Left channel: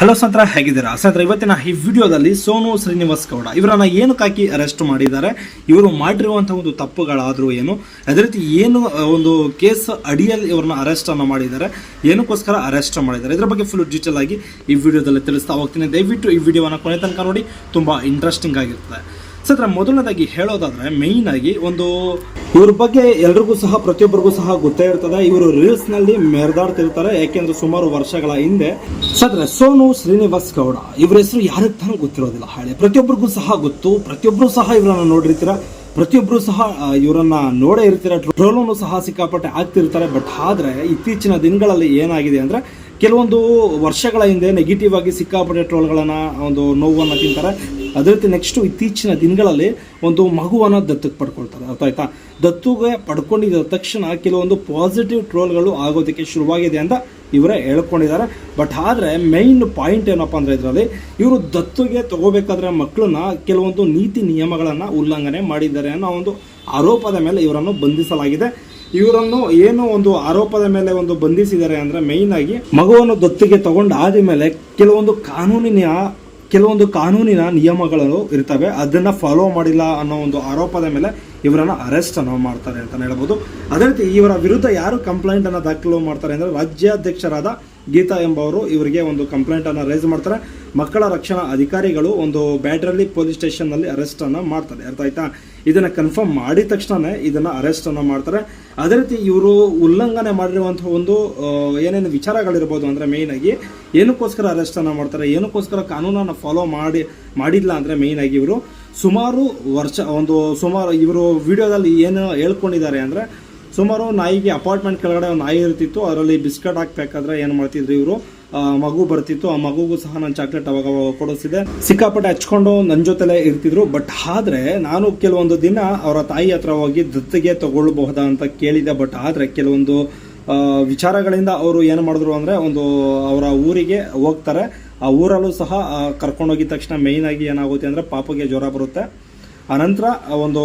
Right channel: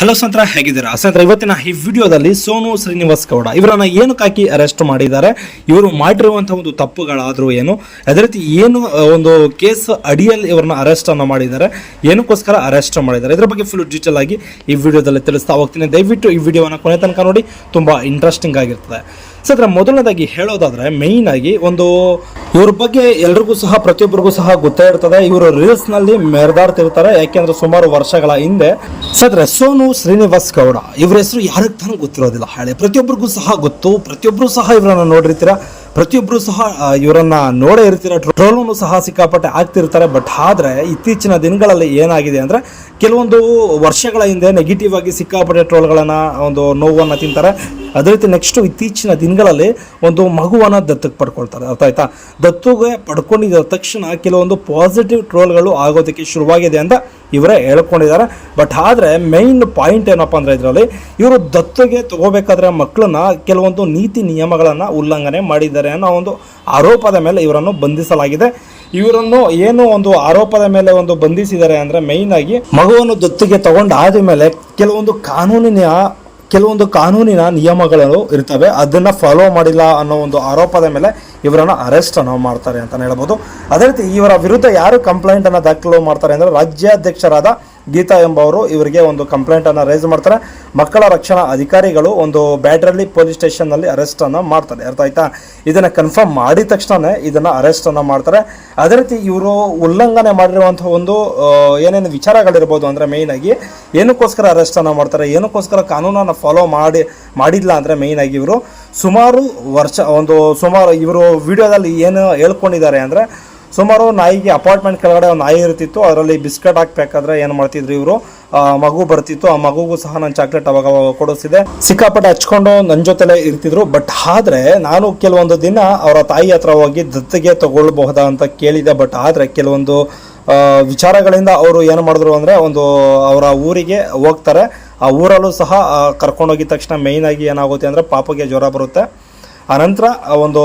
Hello ಸಂತ್ರ, ಹೇಗಿದ್ದೀರಾ ಸಂತ್ರ? ಇವತ್ತಿನ ಈ ವಿಡಿಯೋದಲ್ಲಿ ಸೋನು ಶ್ರೀನಿವಾಸ್ ಗೌಡ ಇವರನ್ನ ಏನಕ್ಕಾಗಿ ಅರೆಸ್ಟ್ ಮಾಡಿದ್ದಾರೆ, ಇವರು ಮಾಡಿರುವಂತಹ ಒಂದು ತಪ್ಪುಗಳಾದರೂ ಏನು, ಅದೇ ರೀತಿ ಏನು ಒಂದು ಕೇಸ್ ಅಡಿಯಲ್ಲಿ ಇವರನ್ನ ಅರೆಸ್ಟ್ ಅನ್ನು ಮಾಡಿದ್ದಾರೆ, ಏನಕ್ಕೋಸ್ಕರ ಅರೆಸ್ಟ್ ಮಾಡಿದ್ದಾರೆ, ಇದರ ಬಗ್ಗೆ ಫುಲ್ ಡೀಟೇಲ್ ಆಗಿ ಈ ವಿಡಿಯೋದಲ್ಲಿ ತಿಳಿಸ್ತಾ ಹೋಗ್ತೀನಿ. ದಯವಿಟ್ಟು ಈ ವಿಡಿಯೋವನ್ನು ಕೊನೆ ತನಕ ನೋಡಿ, ತುಂಬಾ ಇಂಟ್ರೆಸ್ಟಿಂಗ್ ಆಗಿರ್ತದೆ. ಸರ್, ಮೊದಲನೇದಾಗಿ ಹೇಳೋದಾದ್ರೆ ಮೇಯ್ನ್ ಆಗಿ ಒಂದು ಇವ್ರ ಬಗ್ಗೆ ಎಲ್ರಿಗೂ ಸಹ ಪ್ರತಿಯೊಬ್ಬರಿಗೂ ಸಹ ಗೊತ್ತೇ ಇರ್ತದೆ. ಇವರು ರೀಲ್ಸ್ ನಲ್ಲಿ ಮೆರೆದಾಡ್ತಿರ್ತಾರೆ. ಯಾಕೆಂದ್ರೆ ಸುಮಾರು ವರ್ಷಗಳ ಹಿಂದೆ ಸರ್ ಸೋನು ಶ್ರೀನಿವಾಸ್ ಗೌಡ ಇವ್ರ ಹೆಸರು ಯಾರಿಗೆ ತಾನೇ ಗೊತ್ತಿರೋದಿಲ್ಲ, ಹೇಳಿ ಪ್ರತಿಯೊಬ್ಬರಿಗೂ ಸಹ ಗೊತ್ತು. ಪ್ರತಿಯೊಬ್ಬರು ಸಹ ಇವರನ್ನ ನೋಡಿರ್ತೀರ, ಪ್ರತಿಯೊಬ್ಬರು ಸಹ ಇವರನ್ನ ನೋಡೇ ಇರ್ತೀರ, ಟ್ರೋಲನ್ನು ಸಹ ಸಿಕ್ಕಾಪಟ್ಟೆ ಆಗ್ತಿರ್ತಾರೆ. ಬಟ್ ಆದ್ರೆ ಇತ್ತೀಚಿನ ದಿನಗಳಲ್ಲಿ ಏನಾಗಿದೆ ಅಂದ್ರೆ ಕೆಲವೊಂದು ವರ್ಷಗಳ ಹಿಂದೆ ನೆಗೆಟಿವ್ ಆಗಿ ಸಿಕ್ಕಾಪಟ್ಟೆ ಟ್ರೋಲ್ಗಳನ್ನ ಒಂದು ನೋವನ್ನ ತಿಂತಾರೆ. ಅದೇ ರೀತಿ ನೆಕ್ಸ್ಟ್ ಇತ್ತೀಚಿನ ದಿನಗಳಲ್ಲಿ ಒಂದು ಮಗುವನ್ನ ದತ್ತಕ್ಕೆ ಪಡ್ಕೊಳ್ತಾರೆ. ಅರ್ಥ ಆಯ್ತಾ? ದತ್ತುಗೆ ಪಡ್ಕೊಂಡಿದ್ದ ತಕ್ಷಣ ಕೆಲವೊಂದು ಪಾಸಿಟಿವ್ ಟ್ರೋಲ್ಗಳು ಆಗೋದಕ್ಕೆ ಶುರುವಾಗಿದೆ ಅಂತ ಇವರೇ ಹೇಳ್ಕೊಂಡಿದ್ದಾರೆ. ಬಟ್ ಆದ್ರೆ ಮೈನ್ ಪಾಯಿಂಟ್ ಏನಪ್ಪಾ ಅಂದ್ರೆ ಇದರಲ್ಲಿ ಇವರು ದತ್ತುಗೆ ತಗೋಬೇಕಾದ್ರೆ ಮಕ್ಕಳನ್ನ ಕೆಲವೊಂದು ನೀತಿ ನಿಯಮಗಳನ್ನ ಉಲ್ಲಂಘನೆ ಮಾಡಿದ್ದಾರೆ ಅನ್ನೋ ಒಂದು ಆರೋಪದ ಮೇಲೆ ಇವರನ್ನು ಬಂಧಿಸಲಾಗಿದೆ. ಇವರನ್ನು ಏನು ಒಂದು ಆರೋಪದ ಮೇಲೆ ಒಂದು ಬಂಧಿಸಿದ್ದಾರೆ ಅಂದ್ರೆ ಮೈನ್ ಆಗಿ ಮಗುವನ್ನು ದತ್ತಿಗೆ ತಗೊಂಡಾದ ಮೇಲೆ ಕೆಲವೊಂದು ಕಾನೂನಿನ ನಿಯಮಗಳು ಇರ್ತವೆ, ಅದನ್ನ ಫಾಲೋ ಮಾಡಿಲ್ಲ ಅನ್ನೋ ಒಂದು ಆರೋಪದ ಮೇಲೆ ಇವರನ್ನ ಅರೆಸ್ಟ್ ಅನ್ನು ಮಾಡ್ತಾರೆ ಅಂತ ಹೇಳ್ಬೋದು. ಅದೇ ರೀತಿ ಇವರ ವಿರುದ್ಧ ಯಾರು ಕಂಪ್ಲೇಂಟ್ ಅನ್ನ ದಾಖಲು ಮಾಡ್ತಾರೆ ಅಂದ್ರೆ ರಾಜ್ಯಾಧ್ಯಕ್ಷರಾದ ಗೀತಾ ಎಂಬವರು ಇವರಿಗೆ ಒಂದು ಕಂಪ್ಲೇಂಟ್ ಅನ್ನ ರೈಸ್ ಮಾಡ್ತಾರೆ. ಮಕ್ಕಳ ರಕ್ಷಣಾ ಅಧಿಕಾರಿಗಳು ಒಂದು ಬ್ಯಾಡ್ರಳ್ಳಿ ಪೊಲೀಸ್ ಸ್ಟೇಷನ್ ನಲ್ಲಿ ಅರೆಸ್ಟ್ ಅನ್ನ ಮಾಡ್ತಾರೆ. ಅರ್ಥ ಆಯ್ತಾ? ಇದನ್ನ ಕನ್ಫರ್ಮ್ ಮಾಡಿದ ತಕ್ಷಣ ಇದನ್ನ ಅರೆಸ್ಟ್ ಅನ್ನ ಮಾಡ್ತಾರೆ. ಅದೇ ರೀತಿ ಇವರು ಉಲ್ಲಂಘನೆ ಮಾಡಿರುವಂತಹ ಒಂದು ಏನೇನು ವಿಚಾರಗಳಿರ್ಬೋದು ಅಂದ್ರೆ ಮೇಯ್ನ್ ಆಗಿ ಏನಕ್ಕೋಸ್ಕರ ಅರೆಸ್ಟ್ ಅನ್ನ ಮಾಡ್ತಾರೆ, ಏನಕ್ಕೋಸ್ಕರ ಕಾನೂನನ್ನ ಫಾಲೋ ಮಾಡಿಲ್ಲ ಅಂದ್ರೆ ಮೇಯ್ನ್ ಆಗಿ ಇವರು ಸುಮಾರು ಇವರು ವಿಡಿಯೋದಲ್ಲಿ ಏನು ಹೇಳ್ಕೊಂಡಿದ್ದಾರೆ ಅಂದ್ರೆ ಸುಮಾರು ನಾಯಿಗೆ ಅಪಾರ್ಟ್ಮೆಂಟ್ ಕೆಳಗಡೆ ಒಂದು ನಾಯಿ ಇರ್ತಿತ್ತು, ಅದರಲ್ಲಿ ಬಿಸ್ಕೆಟ್ ಹಾಕ್ಬೇಕಾದ್ರೆ ಏನು ಮಾಡ್ತಿದ್ರು ಇವರು, ಮಗು ಬರ್ತಿತ್ತು, ಆ ಮಗುಗೂ ಸಹ ನಾನು ಚಾಕ್ಲೇಟ್ ಅವಾಗ ಕೊಡಿಸಿದೆ, ಸಿಕ್ಕಾಪಟ್ಟೆ ಹಚ್ಕೊಂಡು ನನ್ನ ಜೊತೆಲೆ ಇರ್ತಿದ್ರು. ಬಟ್ ಆದ್ರೆ ನಾನು ಕೆಲವೊಂದು ದಿನ ಅವರ ತಾಯಿ ಹತ್ರ ಹೋಗಿ ದತ್ತಿಗೆ ತಗೊಳ್ಬಹುದಾ ಅಂತ ಕೇಳಿದೆ. ಬಟ್ ಆದ್ರೆ ಕೆಲವೊಂದು ವಿಚಾರಗಳಿಂದ ಅವರು ಏನು ಮಾಡಿದ್ರು ಅಂದ್ರೆ ಒಂದು ಅವರ ಊರಿಗೆ ಹೋಗ್ತಾರೆ. ಆ ಊರಲ್ಲೂ ಸಹ ಕರ್ಕೊಂಡೋಗಿದ ತಕ್ಷಣ ಮೇಯ್ನ್ ಆಗಿ ಏನಾಗುತ್ತೆ ಅಂದ್ರೆ ಪಾಪಗೆ ಜ್ವರ ಬರುತ್ತೆ. ಆನಂತರ ಒಂದು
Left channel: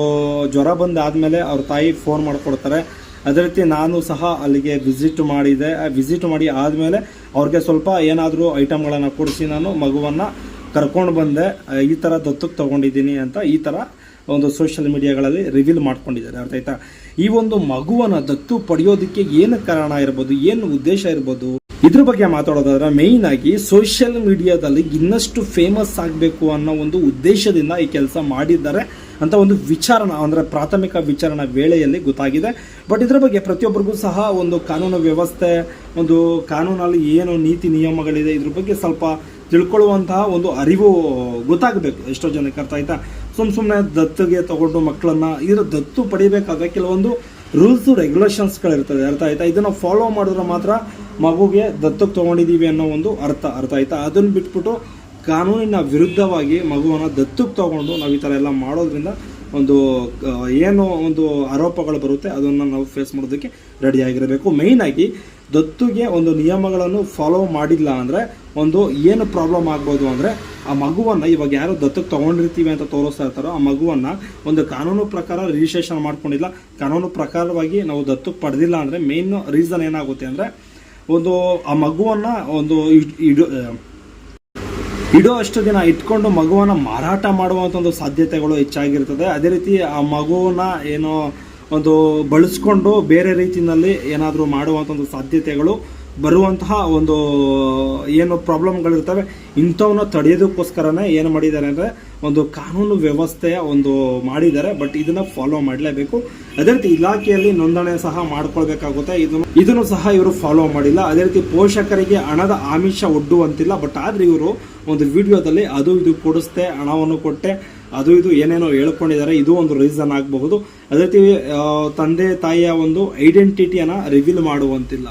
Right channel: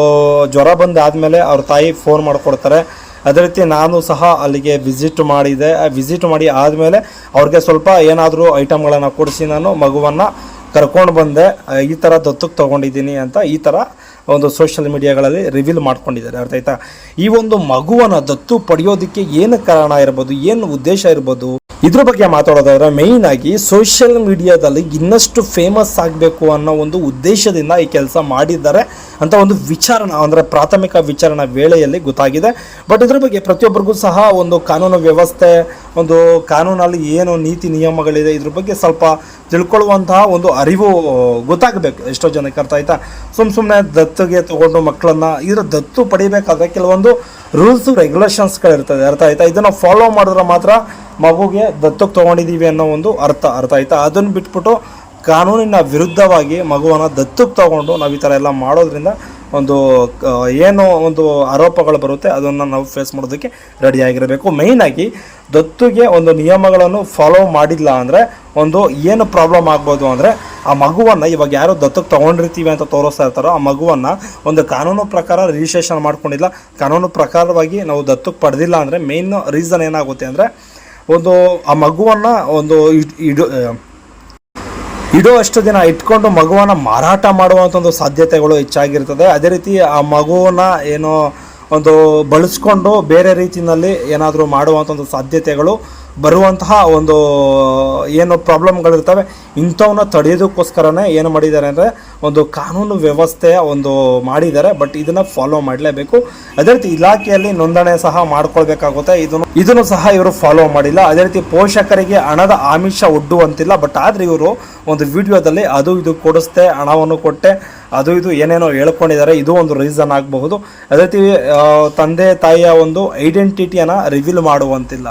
ಜ್ವರ ಬಂದಾದಮೇಲೆ ಅವ್ರ ತಾಯಿ ಫೋನ್ ಮಾಡಿಕೊಡ್ತಾರೆ. ಅದೇ ರೀತಿ ನಾನು ಸಹ ಅಲ್ಲಿಗೆ ವಿಸಿಟ್ ಮಾಡಿದೆ. ವಿಸಿಟ್ ಮಾಡಿ ಆದಮೇಲೆ ಅವ್ರಿಗೆ ಸ್ವಲ್ಪ ಏನಾದರೂ ಐಟಮ್ಗಳನ್ನು ಕೊಡಿಸಿ ನಾನು ಮಗುವನ್ನು ಕರ್ಕೊಂಡು ಬಂದೆ. ಈ ಥರ ದತ್ತಕ್ಕೆ ತೊಗೊಂಡಿದ್ದೀನಿ ಅಂತ ಈ ಥರ ಒಂದು ಸೋಷಿಯಲ್ ಮೀಡಿಯಾಗಳಲ್ಲಿ ರಿವೀಲ್ ಮಾಡ್ಕೊಂಡಿದ್ದಾರೆ. ಅರ್ಥ ಆಯ್ತಾ? ಈ ಒಂದು ಮಗುವನ್ನು ದತ್ತು ಪಡೆಯೋದಕ್ಕೆ ಏನು ಕಾರಣ ಇರ್ಬೋದು, ಏನು ಉದ್ದೇಶ ಇರ್ಬೋದು, ಇದ್ರ ಬಗ್ಗೆ ಮಾತಾಡೋದಾದ್ರೆ ಮೇಯ್ನ್ ಆಗಿ ಸೋಷಿಯಲ್ ಮೀಡಿಯಾದಲ್ಲಿ ಇನ್ನಷ್ಟು ಫೇಮಸ್ ಆಗಬೇಕು ಅನ್ನೋ ಒಂದು ಉದ್ದೇಶದಿಂದ ಈ ಕೆಲಸ ಮಾಡಿದ್ದಾರೆ ಅಂತ ಒಂದು ವಿಚಾರಣೆ ಅಂದ್ರೆ ಪ್ರಾಥಮಿಕ ವಿಚಾರಣಾ ವೇಳೆಯಲ್ಲಿ ಗೊತ್ತಾಗಿದೆ. ಬಟ್ ಇದ್ರ ಬಗ್ಗೆ ಪ್ರತಿಯೊಬ್ಬರಿಗೂ ಸಹ ಒಂದು ಕಾನೂನು ವ್ಯವಸ್ಥೆ, ಒಂದು ಕಾನೂನಲ್ಲಿ ಏನು ನೀತಿ ನಿಯಮಗಳಿದೆ ಇದ್ರ ಬಗ್ಗೆ ಸ್ವಲ್ಪ ತಿಳ್ಕೊಳ್ಳುವಂತಹ ಒಂದು ಅರಿವು ಗೊತ್ತಾಗಬೇಕು ಎಷ್ಟೋ ಜನಕ್ಕೆ. ಅರ್ಥ ಆಯ್ತಾ? ಸುಮ್ಮನೆ ದತ್ತಿಗೆ ತಗೊಂಡು ಮಕ್ಕಳನ್ನ ದತ್ತು ಪಡಿಬೇಕಾದ್ರೆ ಕೆಲವೊಂದು ರೂಲ್ಸು ರೆಗ್ಯುಲೇಷನ್ಸ್ಗಳಿರ್ತದೆ. ಅರ್ಥ ಆಯ್ತಾ? ಇದನ್ನು ಫಾಲೋ ಮಾಡಿದ್ರೆ ಮಾತ್ರ ಮಗುಗೆ ದತ್ತಕ್ಕೆ ತೊಗೊಂಡಿದ್ದೀವಿ ಅನ್ನೋ ಒಂದು ಅರ್ಥ ಆಯ್ತಾ? ಅದನ್ನು ಬಿಟ್ಬಿಟ್ಟು ಕಾನೂನಿನ ವಿರುದ್ಧವಾಗಿ ಮಗುವನ್ನು ದತ್ತಕ್ಕೆ ತಗೊಂಡು ನಾವು ಈ ಥರ ಎಲ್ಲ ಮಾಡೋದ್ರಿಂದ ಒಂದು ಏನು ಒಂದು ಆರೋಪಗಳು ಬರುತ್ತೆ ಅದನ್ನು ನಾವು ಫೇಸ್ ಮಾಡೋದಕ್ಕೆ ರೆಡಿಯಾಗಿರಬೇಕು. ಮೇಯ್ನಾಗಿ ದತ್ತುಗೆ ಒಂದು ನಿಯಮಗಳನ್ನು ಫಾಲೋ ಮಾಡಿಲ್ಲ ಅಂದರೆ ಒಂದು ಏನು ಪ್ರಾಬ್ಲಮ್ ಆಗ್ಬೋದು ಅಂದರೆ ಆ ಮಗುವನ್ನು ಇವಾಗ ಯಾರು ದತ್ತಕ್ಕೆ ತೊಗೊಂಡಿರ್ತೀವಿ ಅಂತ ತೋರಿಸ್ತಾ ಇರ್ತಾರೋ ಆ ಮಗುವನ್ನು ಒಂದು ಕಾನೂನು ಪ್ರಕಾರ ರಿಜಿಸ್ಟ್ರೇಷನ್ ಮಾಡ್ಕೊಂಡಿಲ್ಲ, ಕಾನೂನು ಪ್ರಕಾರವಾಗಿ ನಾವು ದತ್ತಕ್ಕೆ ಪಡೆದಿಲ್ಲ ಅಂದರೆ ಮೇಯ್ನ್ ರೀಸನ್ ಏನಾಗುತ್ತೆ ಅಂದರೆ ಒಂದು ಆ ಮಗುವನ್ನು ಒಂದು ಇಡೋ ಅಷ್ಟು ದಿನ ಇಟ್ಕೊಂಡು ಮಗುವನ್ನು ಮಾರಾಟ ಮಾಡುವಂಥ ಒಂದು ಸಾಧ್ಯತೆಗಳು ಹೆಚ್ಚಾಗಿರ್ತದೆ. ಅದೇ ರೀತಿ ಆ ಮಗುವನ್ನ ಏನೋ ಒಂದು ಬಳಸ್ಕೊಂಡು ಬೇರೆ ರೀತಿಯಲ್ಲಿ ಏನಾದರೂ ಮಾಡುವಂಥ ಒಂದು ಸಾಧ್ಯತೆಗಳು ಬರುವಂತಹ ಒಂದು ಏನು ಪ್ರಾಬ್ಲಮ್ಗಳಿರ್ತವೆ. ಇಂಥವನ್ನ ತಡೆಯೋದಕ್ಕೋಸ್ಕರನೇ ಏನು ಮಾಡಿದ್ದಾರೆ ಅಂದರೆ ಒಂದು ಕಾನೂನು ವ್ಯವಸ್ಥೆಯ ಒಂದು ಮಾಡಿದ್ದಾರೆ. ಬಟ್ ಇದನ್ನು ಫಾಲೋ ಮಾಡಲೇಬೇಕು. ಅದೇ ರೀತಿ ಇಲಾಖೆಯಲ್ಲಿ ನೋಂದಣಿ ಸಹ ಮಾಡ್ಕೊಳ್ಬೇಕಾಗುತ್ತೆ. ಇದನ್ನು ಸಹ ಇವರು ಫಾಲೋ ಮಾಡಿಲ್ಲ. ಅದೇ ರೀತಿ ಪೋಷಕರಿಗೆ ಹಣದ ಆಮಿಷ ಒಡ್ಡುವಂತಿಲ್ಲ. ಬಟ್ ಆದರೆ ಇವರು ಒಂದು ವಿಡಿಯೋದಲ್ಲಿ ಅದು ಇದು ಕೊಡಿಸ್ದೆ, ಹಣವನ್ನು ಕೊಟ್ಟೆ, ಅದು ಇದು ಏನೇನೋ ಹೇಳ್ಕೊಂಡಿದ್ದಾರೆ. ಇದು ಒಂದು ರೀಸನ್ ಆಗಬಹುದು. ಅದೇ ರೀತಿ ತಂದೆ ತಾಯಿಯ ಒಂದು ಐಡೆಂಟಿಟಿಯನ್ನು ರಿವೀಲ್ ಮಾಡುವಂತಿಲ್ಲ.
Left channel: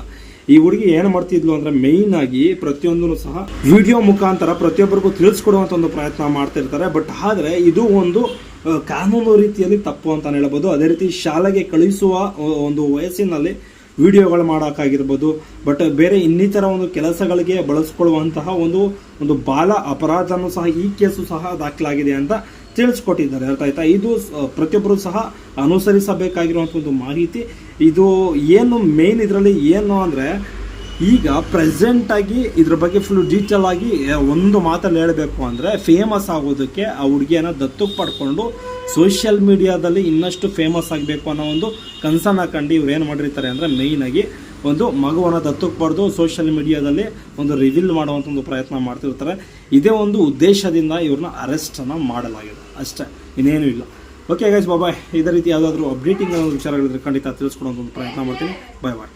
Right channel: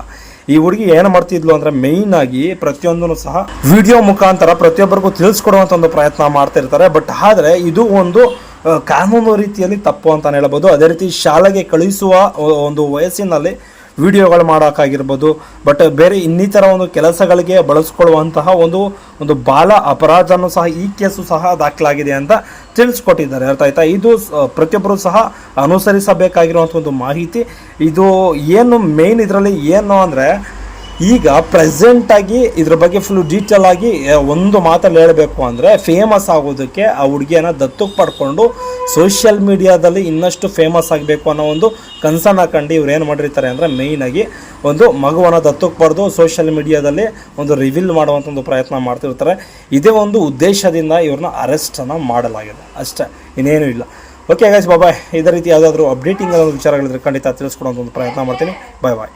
ಈ ಹುಡುಗಿ ಏನು ಮಾಡ್ತಿದ್ಲು ಅಂದ್ರೆ ಮೇಯ್ನ್ ಆಗಿ ಪ್ರತಿಯೊಂದನ್ನು ಸಹ ವಿಡಿಯೋ ಮುಖಾಂತರ ಪ್ರತಿಯೊಬ್ಬರಿಗೂ ತಿಳಿಸ್ಕೊಡುವಂತ ಒಂದು ಪ್ರಯತ್ನ ಮಾಡ್ತಾ ಇರ್ತಾರೆ. ಬಟ್ ಆದ್ರೆ ಇದು ಒಂದು ಕಾನೂನು ರೀತಿಯಲ್ಲಿ ತಪ್ಪು ಅಂತ ಹೇಳ್ಬೋದು. ಅದೇ ರೀತಿ ಶಾಲೆಗೆ ಕಳಿಸುವ ಒಂದು ವಯಸ್ಸಿನಲ್ಲಿ ವಿಡಿಯೋಗಳು ಮಾಡೋಕ್ಕಾಗಿರ್ಬೋದು. ಬಟ್ ಬೇರೆ ಇನ್ನಿತರ ಒಂದು ಕೆಲಸಗಳಿಗೆ ಬಳಸ್ಕೊಳ್ಳುವಂತಹ ಒಂದು ಬಾಲ ಅಪರಾಧನೂ ಸಹ ಈ ಕೇಸು ಸಹ ದಾಖಲಾಗಿದೆ ಅಂತ ತಿಳಿಸ್ಕೊಟ್ಟಿದ್ದಾರೆ. ಅರ್ಥ ಆಯ್ತಾ? ಇದು ಪ್ರತಿಯೊಬ್ಬರು ಸಹ ಅನುಸರಿಸಬೇಕಾಗಿರುವಂಥ ಒಂದು ಮಾಹಿತಿ. ಇದು ಏನು ಮೇನ್ ಇದರಲ್ಲಿ ಏನು ಅಂದರೆ ಈಗ ಪ್ರೆಸೆಂಟಾಗಿ ಇದ್ರ ಬಗ್ಗೆ ಫುಲ್ ಡೀಟೇಲ್ ಆಗಿ ಒಂದು ಮಾತಲ್ಲಿ ಹೇಳಬೇಕು ಅಂದರೆ, ಫೇಮಸ್ ಆಗೋದಕ್ಕೆ ಆ ಹುಡುಗಿಯನ್ನ ದತ್ತಕ್ಕೆ ಪಡ್ಕೊಂಡು ಸೋಷಿಯಲ್ ಮೀಡಿಯಾದಲ್ಲಿ ಇನ್ನಷ್ಟು ಫೇಮಸ್ ಆಗಬೇಕು ಅನ್ನೋ ಒಂದು ಕನ್ಸರ್ನ್ ಹಾಕೊಂಡು ಇವ್ರು ಏನು ಮಾಡಿರ್ತಾರೆ ಅಂದರೆ, ಮೇಯ್ನಾಗಿ ಒಂದು ಮಗುವನ್ನು ದತ್ತಕ್ಕೆ ಪಡೆದು ಸೋಷಿಯಲ್ ಮೀಡಿಯಾದಲ್ಲಿ ಒಂದು ರಿವೀಲ್ ಮಾಡುವಂಥ ಒಂದು ಪ್ರಯತ್ನ ಮಾಡ್ತಿರ್ತಾರೆ. ಇದೇ ಒಂದು ಉದ್ದೇಶದಿಂದ ಇವ್ರನ್ನ ಅರೆಸ್ಟನ್ನು ಮಾಡಲಾಗಿದೆ ಅಷ್ಟೇ, ಇನ್ನೇನು ಇಲ್ಲ. ಓಕೆ ಗೈಸ್, ಬಾಯ್. ಇದೇ ರೀತಿ ಯಾವುದಾದ್ರೂ ಅಪ್ಡೇಟಿಂಗ್ ವಿಚಾರಗಳಿದ್ರೆ ಖಂಡಿತ ತಿಳಿಸ್ಕೊಡೋಂಥ ಒಂದು ಪ್ರಯತ್ನ ಮಾಡ್ತೀನಿ. ಬಾಯ್.